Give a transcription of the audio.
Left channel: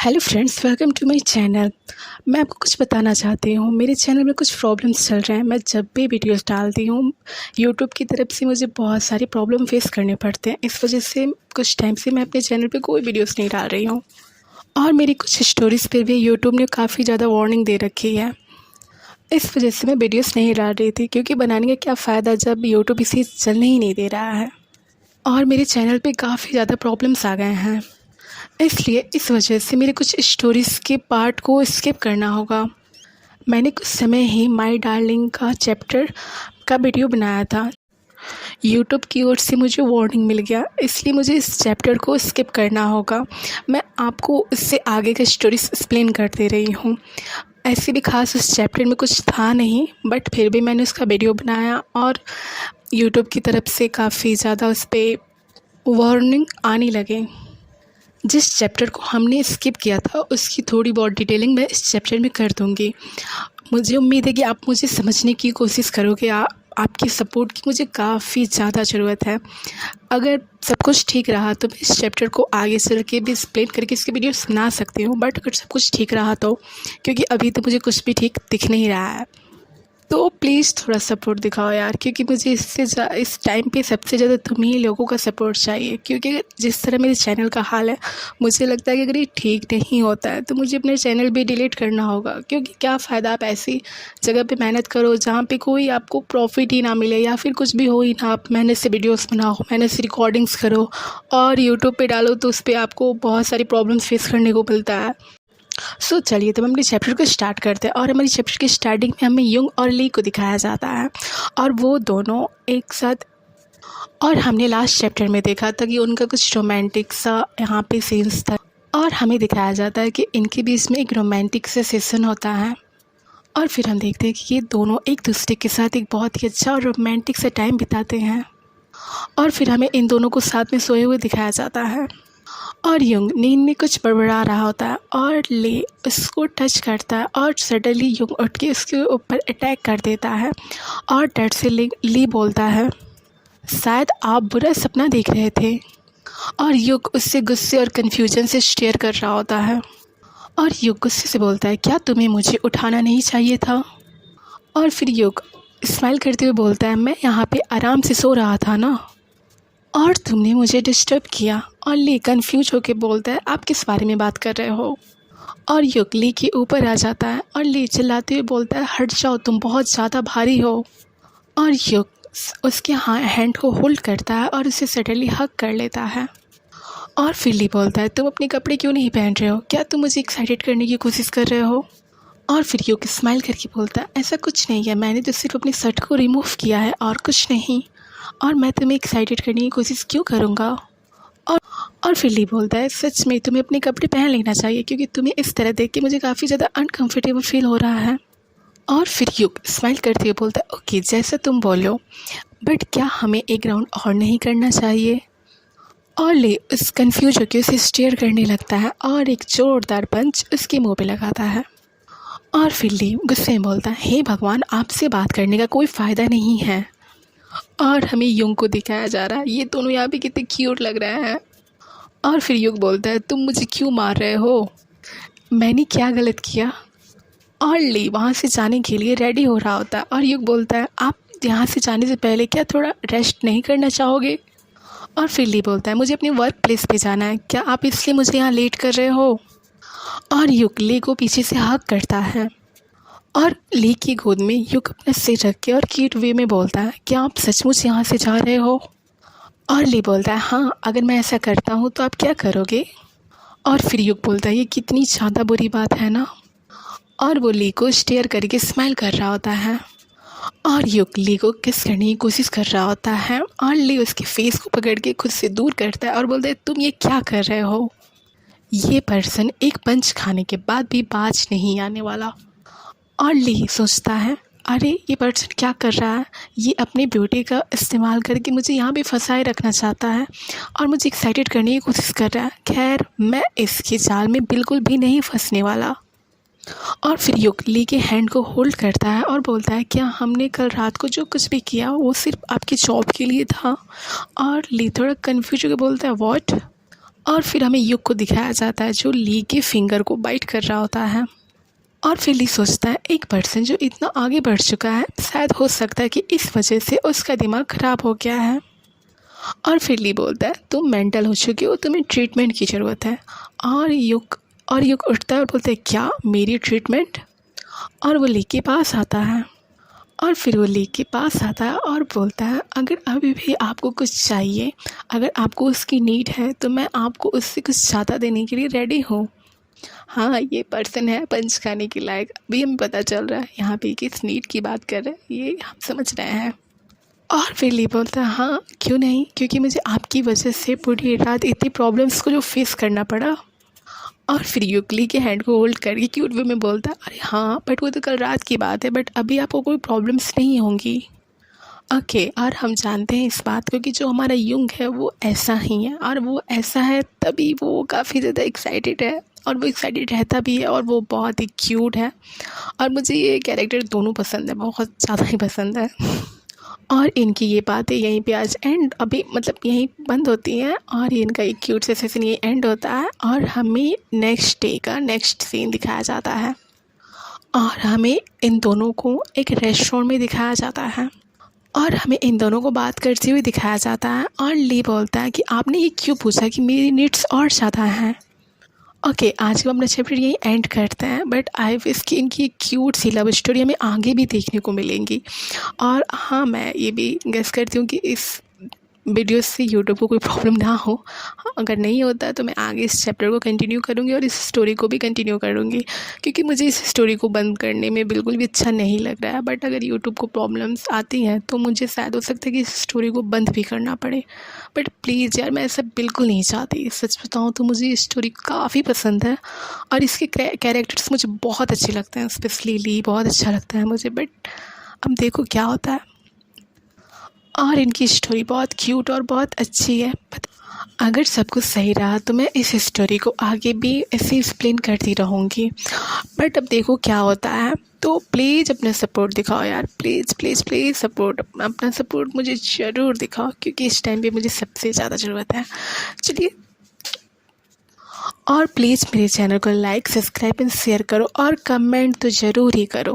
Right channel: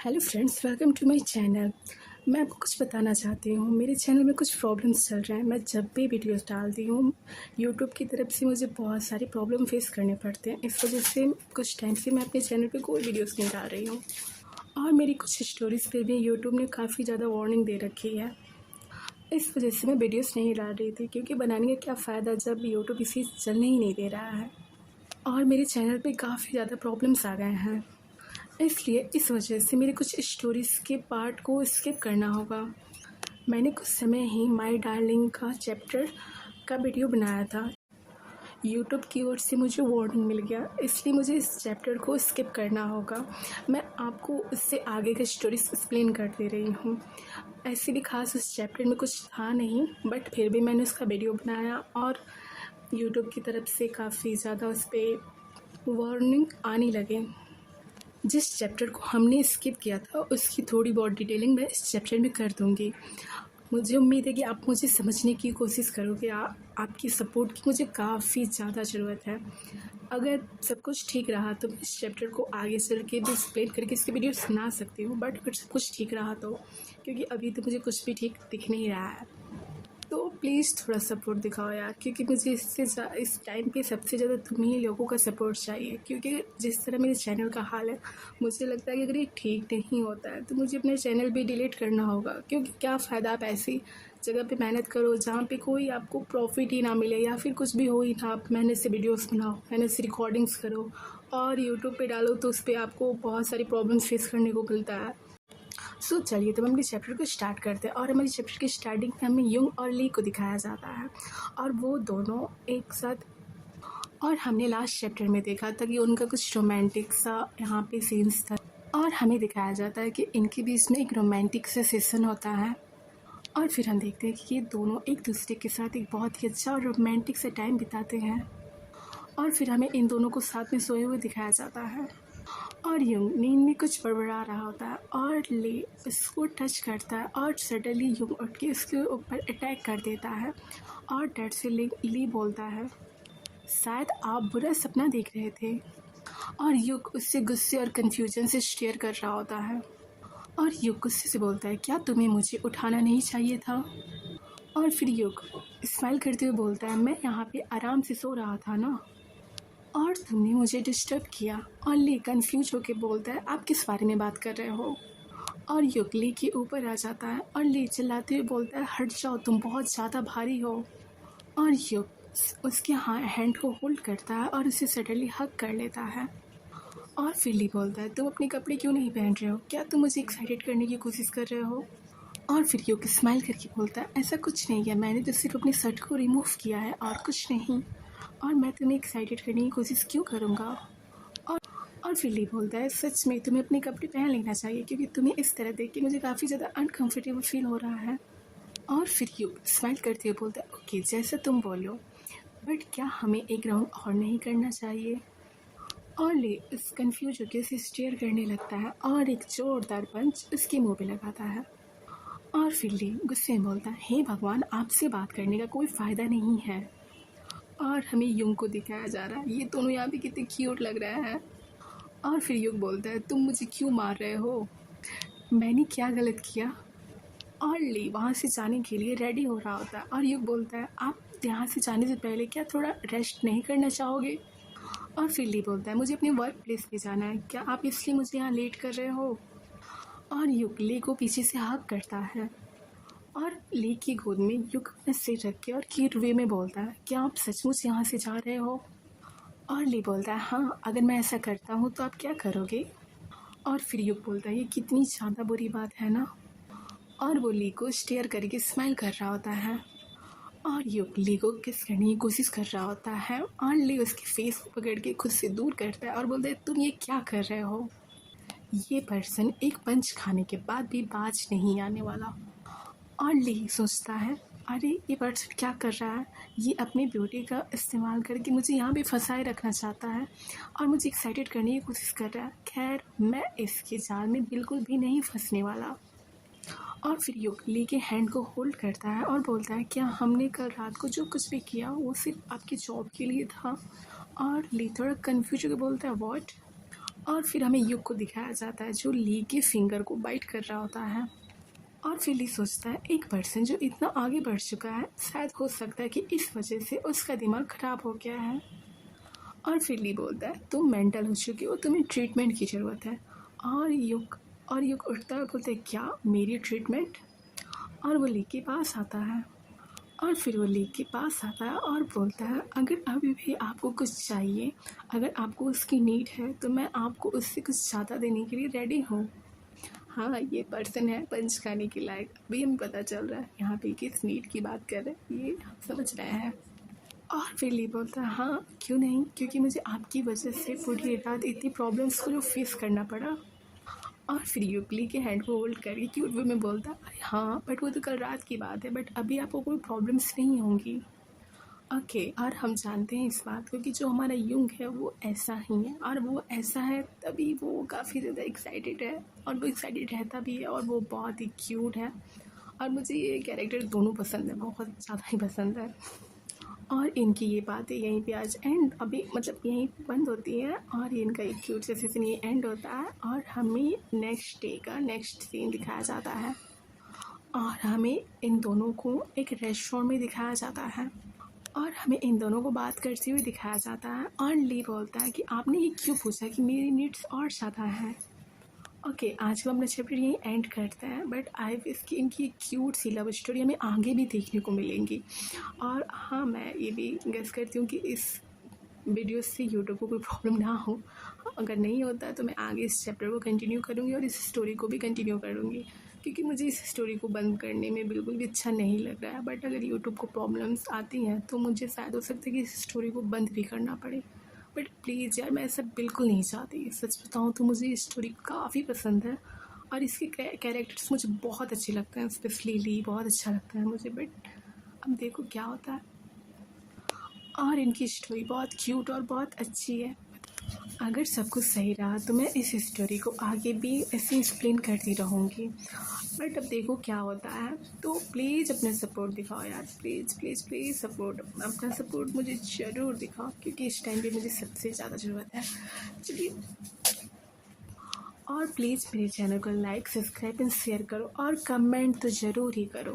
Hello friends, welcome to my channel. मैं आपको कुछ बताना चाहती हूँ। मेरे चैनल में कुछ प्रॉब्लम्स चल रहे हैं। मैं जब भी वीडियोस डालती हूँ यूट्यूब की तरफ से मुझे बहुत सारे प्रॉब्लम फेस करने पड़ते हैं। इस वजह से कुछ टाइम से मैं अपने चैनल पे कोई वीडियोस नहीं डाल रही हूँ और मेरी कुछ स्टोरीज़ पे भी यूट्यूब ने काफ़ी ज़्यादा वार्निंग दे रखी है। इस वजह से मैं वीडियोस नहीं डाल रही थी, क्योंकि बनाने का क्या फ़ायदा जब यूट्यूब इसे चलने ही नहीं दे रहा है और मेरे चैनल पे काफ़ी ज़्यादा प्रॉब्लम्स आ गए हैं। इसलिए इस वजह से मेरे कुछ स्टोरीज़ के पार्ट को स्किप करना होगा। मैंने कुछ समय ही माय डार्लिंग का चैप्टर का वीडियो बनाया था। यूट्यूब की ओर से मुझे वार्निंग मिल गया, इसलिए मुझे इस चैप्टर को स्किप करना होगा। मैं आपको इससे आगे का स्टोरीज एक्सप्लेन कर दे रही हूँ। ऐसे भी ख़ास उस चैप्टर में कुछ था नहीं, बट फिर भी मैंने उसका वीडियो बनाया और यूट्यूब की तरफ से काफ़ी ज़्यादा उस पर वार्निंग आने लगे। जिस चैप्टर को हमने स्किप किया था उसकी थोड़ी बहुत डिटेलिंग मैं इस चैप्टर में कर दूँगी। मुझे उम्मीद है कि आप मुझे समझने की कोशिश करोगे। आपकी सपोर्ट की मुझे काफ़ी ज़्यादा ज़रूरत है। अगर सब कुछ ठीक रहा तो मैं इस चैप्टर को आगे चल के भी एक्सप्लेन करके इसके वीडियोस बना सकती हूँ, बट अगर सब कुछ ठीक रहा तो, क्योंकि अभी तो मुझे कुछ भी ठीक दिख नहीं रहा है। तो प्लीज़ थोड़ा सपोर्ट दिखाओ यार, क्योंकि मुझे इस टाइम पे सबसे ज़्यादा तुम ही लोगों का सपोर्ट चाहिए। क्योंकि जिस तरह मेरे चैनल का हाल है, मुझे लगता है कि अगर ये ठीक नहीं होता है तो मुझे अपने चैनल भी डिलीट करना होगा। क्योंकि क्या फ़ायदा आप ऐसी जगह पे मेहनत करो जहाँ पे कोई आपको प्रॉफिट ही ना मिले, या फिर कुछ भी हो ही ना। आप मेहनत से वीडियोज़ बनाओ, मेहनत से रिकॉर्डिंग्स करो और यूट्यूब पर डालो तो उस पर आपको बहुत सारी प्रॉब्लम्स फेस करने को मिलता है। चलिए तब हम अपने चैप्टर को स्टार्ट करते हैं। और हमारी चैप्टर की स्टार्टिंग में हमें युंग और ली को दिखाया जाता है और वो दोनों एक साथ। और हमने लास्ट चैप्टर में देखा था कि उनका कुछ रोमांटिक सा यहाँ पे सीन्स था और हमें दिखाया जाता है कि इनके बीच में एक रोमांटिक सा सेशन होता है। और फिर हम देखते हैं कि ये दोनों एक दूसरे के साथ एक बहुत ही अच्छा और रोमांटिक सा टाइम बिताते हैं। और फिर हमें इन दोनों को साथ में सोए हुए दिखाया जाता है और युंग नींद में कुछ बड़बड़ा रहा होता है और ले उसको टच करता है और सडनली युंग उठ के उसके ऊपर अटैक कर देता है। और डर से ली बोलता है, शायद आप बुरा सपना देख रहे थे। और युग उससे गुस्से और कन्फ्यूजन से स्टेयर कर रहा होता है और युग गुस्से से बोलता है, क्या तुम्हें मुझे उठाना नहीं चाहिए था। और फिर युग स्माइल करते हुए बोलता है, मैं यहाँ पे आराम से सो रहा था ना, और तुमने मुझे डिस्टर्ब किया। और ली कंफ्यूज होकर बोलता है, आप किस बारे में बात कर रहे हो। और युग ली के ऊपर आ जाता है और ली चिल्लाते हुए बोलता है, हट जाओ, तुम बहुत ज़्यादा भारी हो। और युग उसके हैंड को होल्ड करता है और उसे सडनली हग कर लेता है। और फिर ली बोलता है, तुम अपने कपड़े क्यों नहीं पहन रहे हो, क्या तुम मुझे एक्साइटेड करने की कोशिश कर रहे हो। और फिर युग स्माइल करके बोलता है, ऐसा कुछ नहीं है, मैंने तो सिर्फ अपनी शर्ट को रिमूव किया है और कुछ नहीं, और मैं तुम्हें एक्साइटेड करने की कोशिश क्यों करूँगा। और फिर ली बोलता है, सच में तुम्हें अपने कपड़े पहन लेना चाहिए, क्योंकि तुम्हें इस तरह देख के मुझे काफ़ी ज़्यादा अनकंफर्टेबल फील हो रहा है। और फिर युग स्माइल करते हुए बोलता है, ओके जैसा तुम बोलो, बट क्या हमें एक राउंड और नहीं करना चाहिए। और ले उस कन्फ्यूज होकर उसे स्टेयर करने लगता है और एक जोरदार पंच उसके मुँह पे लगाता है। और फिर ली गुस्से में बोलता है, हे भगवान, आपसे बात करने का कोई फ़ायदा नहीं है। और हमें युग को दिखाया जा रहा है, ये दोनों यहाँ पे कितने क्यूट लग रहे हैं। और फिर युग बोलता है, तुम मुझे क्यों मार रहे हो, मैंने क्या गलत किया। और ली वहाँ से जाने के लिए रेडी हो रहा होता है और युग बोलता है, आप यहाँ से जाने से पहले क्या थोड़ा रेस्ट नहीं करना चाहोगे। और फिर ली बोलता है, मुझे अपने वर्क प्लेस पे जाना है, क्या आप इसलिए मुझे यहाँ लेट कर रहे हो। और युग ली को पीछे से हग करता है और ली की गोद में युग अपना सिर रख के और क्यूट वे में बोलता है, क्या आप सचमुच यहाँ से जा रहे हो। और ली बोलता है, हाँ, अगर मैं ऐसा करता हूँ तो आप क्या करोगे। और फिर युग बोलता है, ये कितनी ज़्यादा बुरी बात है ना। और वो ली को स्टेयर करके स्माइल कर रहा होता है और युग ली को किस करने की कोशिश कर रहा होता है और ली उसके फेस को पकड़ के खुद से दूर करता है और बोलता है, तुम ये क्या कर रहे हो, ये पर्सन एक पंच खाने के बाद भी बाज नहीं आने वाला। और ली सोचता है, अरे ये पर्सन क्या कर रहा है, ये अपनी ब्यूटी का इस्तेमाल करके मुझे यहाँ भी फंसाए रखना चाहता है और मुझे एक्साइटेड करने की कोशिश कर रहा है। खैर, मैं इसके जाल में बिल्कुल भी नहीं फंसने वाला। और फिर युग ली के हैंड को होल्ड करता है और बोलता है, क्या हमने कल रात को जो कुछ भी किया वो सिर्फ आपकी जॉब के लिए था। और ली थोड़ा कन्फ्यूज होकर बोलता है, व्हाट। और फिर हमें युग को दिखाया जाता है जो ली के फिंगर को बाइट कर रहा होता है। और फिर ली सोचता है एक पर्सन जो इतना आगे बढ़ चुका है, शायद हो सकता है कि इस वजह से उसका दिमाग ख़राब हो गया है। और फिर ली बोलता है तुम मेंटल हो चुकी हो, तुम्हें ट्रीटमेंट की ज़रूरत है। और युग उठता है और बोलता है क्या मेरी ट्रीटमेंट। और वो ली के पास आता है। और फिर वो ली के पास आता है और बोलता है अगर अभी भी आपको कुछ चाहिए, अगर आपको उसकी नीड है तो मैं आपको उससे कुछ ज़्यादा देने के लिए रेडी हूँ। हाँ, ये पर्सन है पंच खाने के लायक। अभी हमें पता चल रहा है यहाँ पे किस नीड की बात कर रहे हैं, ये हम समझ रहे हैं। और फिर ली बोलता है हाँ क्यों नहीं, क्योंकि मुझे आपकी वजह से पूरी रात इतनी प्रॉब्लम्स को जो फेस करना पड़ा। और फिर युगली के हैंड को होल्ड करके क्यूट वे में बोलता है अरे हाँ बट वो तो कल रात की बात है, बट अभी आपको कोई प्रॉब्लम्स नहीं होंगी। ओके, और हम जानते हैं इस बात को कि जो हमारा युंग है वो ऐसा ही है, और वो ऐसा है तभी वो काफ़ी ज़्यादा एक्साइटेड है, और वो एक्साइटेड रहता भी है, और वो बहुत ही क्यूट है। और मुझे ये कैरेक्टर दोनों पसंद है, बहुत ज़्यादा ही पसंद है। और इनकी ये बातें यहीं पे आज एंड अभी मतलब यहीं बंद होती हैं, और ये इनका एक क्यूट से सेशन ये एंड होता है, और हमें नेक्स्ट डे का नेक्स्ट सीन दिखाया जाता है। और हमें इन दोनों को एक रेस्टोरेंट में दिखाया जाता है, और हमें इन दोनों को बात करते हुए दिखाया जाता है। और ली बोलता है कि आपने ये क्यों पूछा कि मेरी नीड्स और ज़्यादा हैं। ओके, आज का अपना चैप्टर यही एंड करते हैं, बट आई विश कि इनकी एक क्यूट सी लव स्टोरी हमें आगे भी देखने को मिलेंगी। और हाँ, मैं ये भी गेस करती हूँ कि इस वीडियो से यूट्यूब को कोई प्रॉब्लम ना हो। हाँ, अगर नहीं होता है तो मैं आगे इस चैप्टर को कंटिन्यू करूँगी और इस स्टोरी को भी कंटिन्यू करूँगी, क्योंकि मुझे इस स्टोरी को बंद करने में बिल्कुल भी अच्छा नहीं लग रहा है। बट अगर यूट्यूब को प्रॉब्लम्स आती हैं तो मुझे शायद हो सकता है कि इस स्टोरी को बंद भी करना पड़े। बट प्लीज़ यार, मैं ऐसा बिल्कुल नहीं चाहती। सच बताऊँ तो मुझे ये स्टोरी काफ़ी पसंद है, और इसके कैरेक्टर्स मुझे बहुत अच्छे लगते हैं, स्पेशली ली बहुत अच्छा लगता है मुझे। बट अब देखो क्या होता है। और इनकी स्टोरी बहुत क्यूट और बहुत अच्छी है। बट अगर सब कुछ सही रहा तो मैं इस स्टोरी को आगे भी ऐसे एक्सप्लेन करती रहूँगी। बट अब देखो क्या होता है। तो प्लीज़ अपना सपोर्ट दिखाओ यार, प्लीज़ प्लीज़ प्लीज़ सपोर्ट, अपना सपोर्ट मुझे ज़रूर दिखाओ, क्योंकि इस टाइम पे मुझे सबसे ज़्यादा ज़रूरत है। चलिए, और प्लीज़ मेरे चैनल को लाइक, सब्सक्राइब एंड शेयर करो, और कमेंट तो ज़रूर ही करो।